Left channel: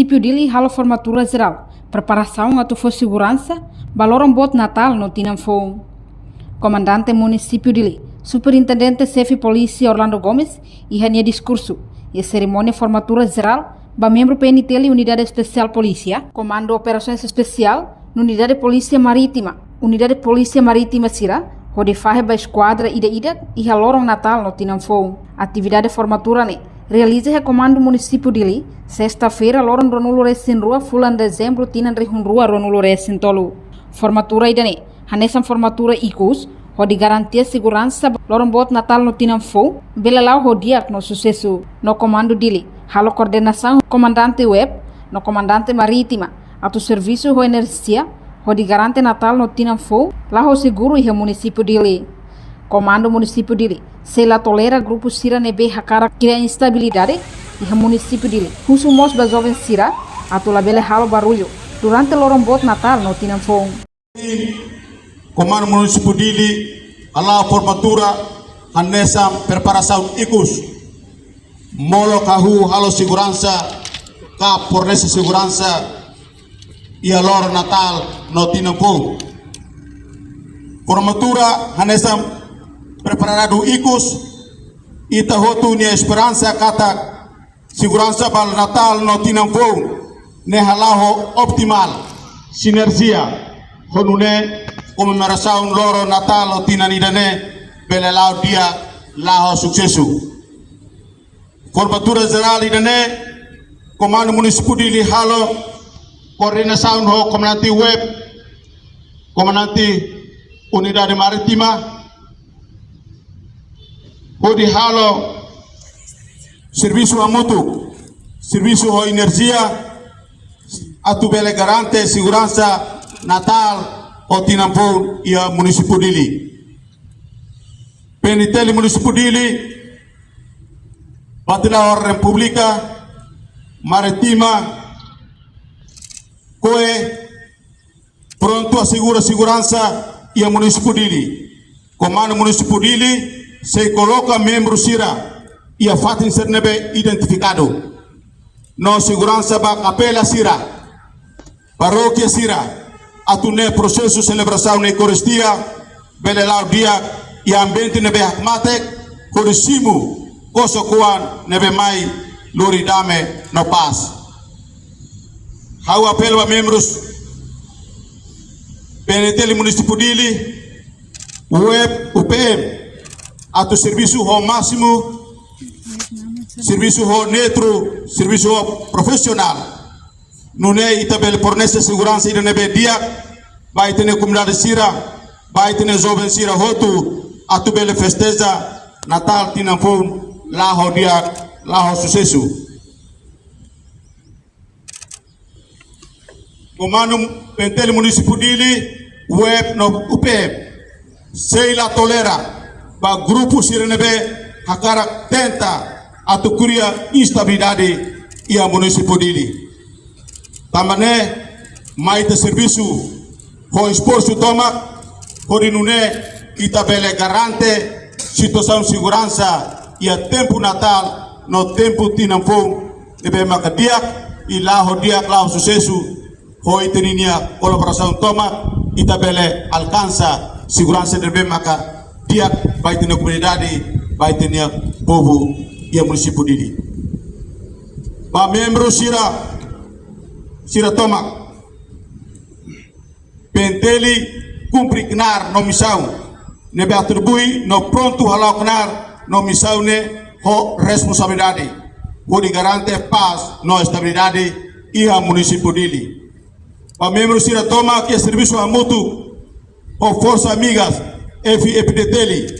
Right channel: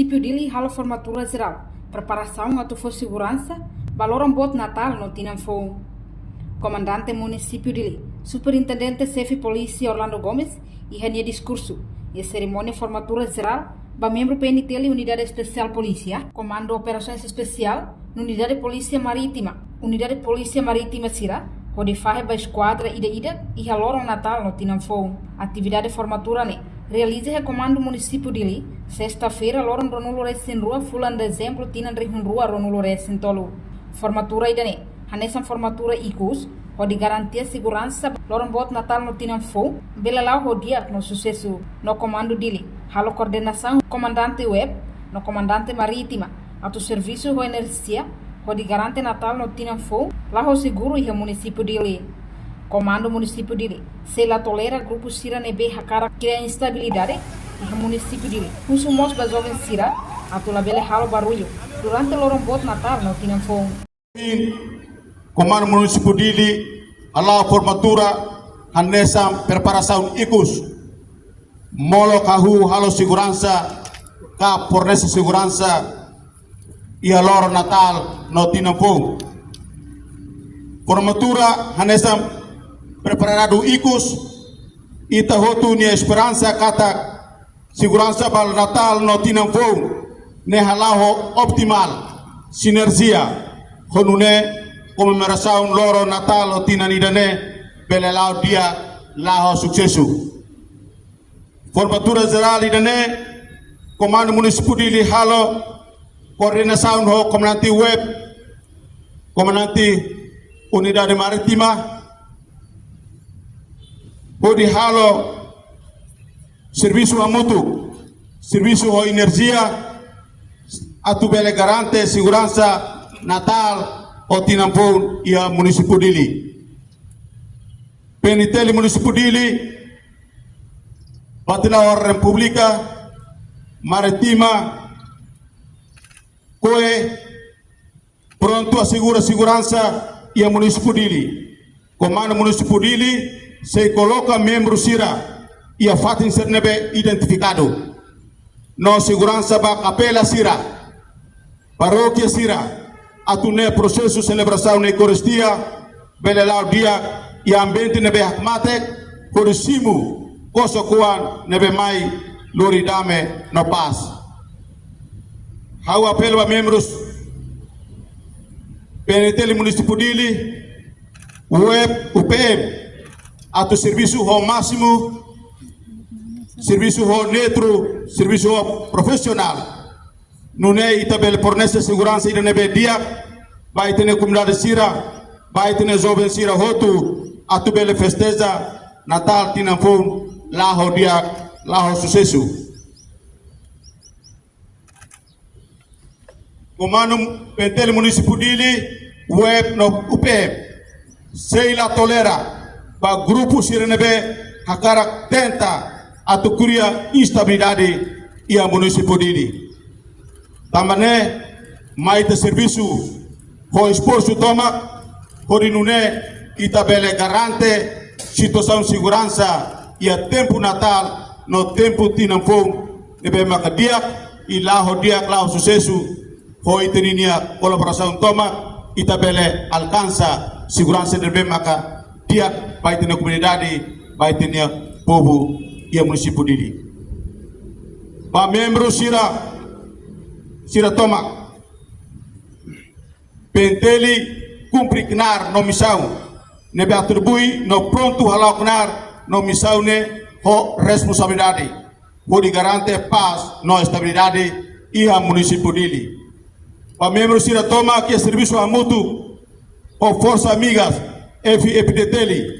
município dele halo formatura geral, preparação atu for segurança, baloram bot Natal no Tinanfo. Comandante município dele, superintendente chefe polícia Orlando Gomes, e rania discurso e cerimônia formatura geral, ba membro PNTL Unidade Especial Polícia, Comando Operações Especial, Unidade Polícia Marítima, Unidade Polícia Marítima Sira, onde faz a esquadra ida e halorong Natal no Tinanfo. Atividade formatura ne realiza o comando município dele, sexta-feira loron ronulo resin rua fulan dezembro tinan rehun rua ronulo resin tolu. Formatura ida ne hanesan formatura ikus, onde garantia segurança loron bot Natal no Tinanfo, belelau hodiak no sucesso no comando dele, halo coordenação comandante web, no comandante marítima, atu serviço ho energia, onde garante Natal no Tinanfo, lá ho seguro e o município dele. Comando município dele, se la tolera grupo Sira nebe hakara cria instabilidade e o município dele. Husumos da jovem Sira, atu la bele halo barulho, durante loron bot Natal no Tinanfo. Comando município dele, ala formatura, hanesa preparação ikus, molo kahu halo segurança, ka fornece segurança, e a loro Natal no Tinanfo. Formatura hanesa preparado ikus ita hotu nia esperança kata segurança bal Natal no Tinanfo ne halaho optimal sinergia honune comemoração loro Natal no Tinanidane belelau dia laho suksesu. Formatura geral idane comando município de halo coordenação ho comandante web, comandante unidade marítima, pode halo serviço amutu, serviço ho energia, atu bele garante segurança Natal o Tinanfo e a município dele. PNTL município dele, Batila República Marítima, Coe pronto assegura segurança e a município dele. Comando município dele se coloca membro Sira e a fato ser nebe identificado. No segurança ba apela Sira, paróquia Sira, atune processo celebração na Eucaristia, belelau dia e ambiente nebe hakmatek, corisimu kosokuan nebe mai loridame no paz. Hau apelo a membros PNTL município dele, web UPM, atu serviço ho máximo, serviço ho neutro, serviço ho profissional. Nune itabel fornece segurança ida nebe dia, vai ter comunidade Sira, vai ter jovem Sira hotu, atu bele festeja Natal Tinanfo, lá ho dia, lá ho sucesso. Comando PNTL município dele, web no UPM, sei la tolera, ba grupo Sirenebe, hakara tenta, atukuria instabilidade e a município dele. Tamane, maite serviço, ho esforço toma, horinune, itabele garante, situação segurança e a tempo Natal, no tempo Tinanfo, nebe makadia, e lá ho dia lá sucesso. Foi teninia colaboração toma itabele alcança segurança de bem maka dia vai ter comunidade vai ter povo e a município dele. Ba membro Sira toma penteli cumprir knar no missão nebe atribui no pronto halau knar no missão ne ho responsabilidade pode garante paz no estabilidade e a município dele. A membro Sira toma que serviço a mútuo ou força amigas FPDTL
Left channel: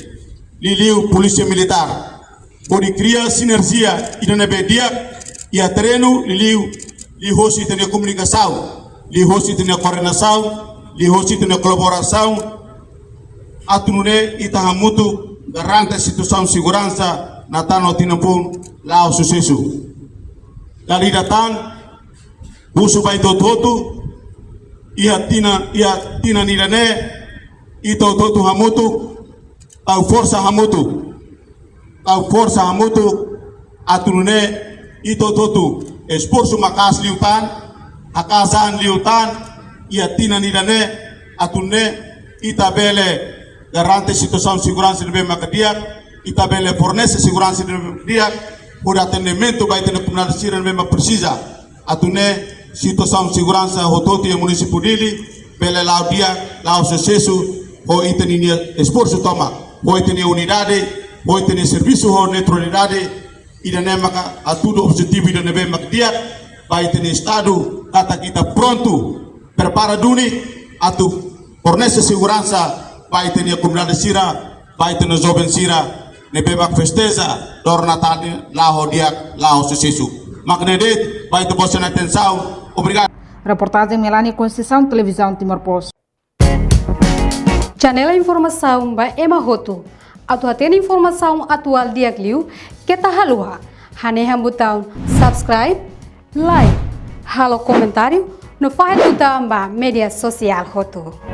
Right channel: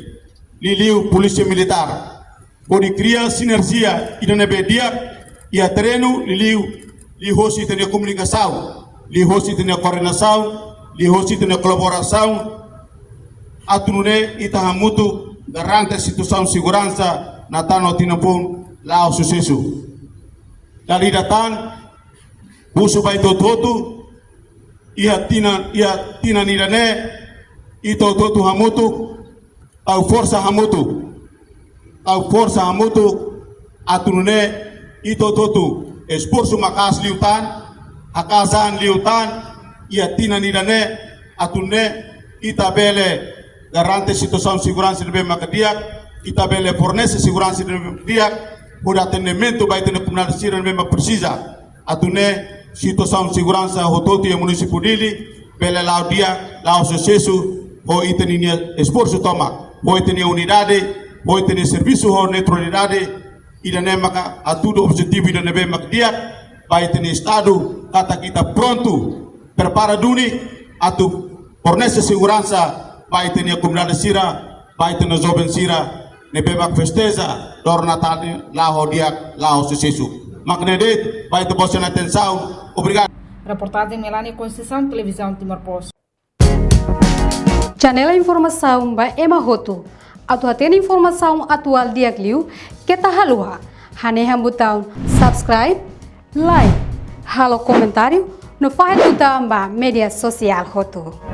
Liliu Polícia Militar pode criar sinergia e nebedia e a treino Liliu li hosi tem comunicação li hosi tem coordenação li hosi tem colaboração atunune ita mútuo garante situação segurança na tano Tinanfo lá o sucesso dari datang busu bai toto ia tina nirane ito totu hamutu au força hamutu atunune ito totu esforço makas liutan, akasan liutan, ia tina nidane, atune, itabele garante situação de segurança de bem macadiak, itabele fornece segurança de bem macadiak, por atendimento vai ter comunidade sira de bem precisa, atune situação de segurança hototi e município dele, pele lá dia, lá o sucesso, ho itenia esforço toma, ho itenia unidade, ho itenia serviço ho neutralidade, idane maka a tudo objetivo de bem macadiak, vai ter estado kata kita pronto prepara duni atu fornece segurança vai ter a comunidade sira vai ter os jovens sira nebe bak festeza dor natal lá o dia lá o sucesso magnedet vai ter boa atenção obrigado. Reportagem Melania Conceição, Televisão Timor-Poste. Janela informação by Emma Hoto. Atu atena informação atual dia kliu kita halua. Haneha butang subscribe, like, halo comentário no file butang ba media sosial Hoto.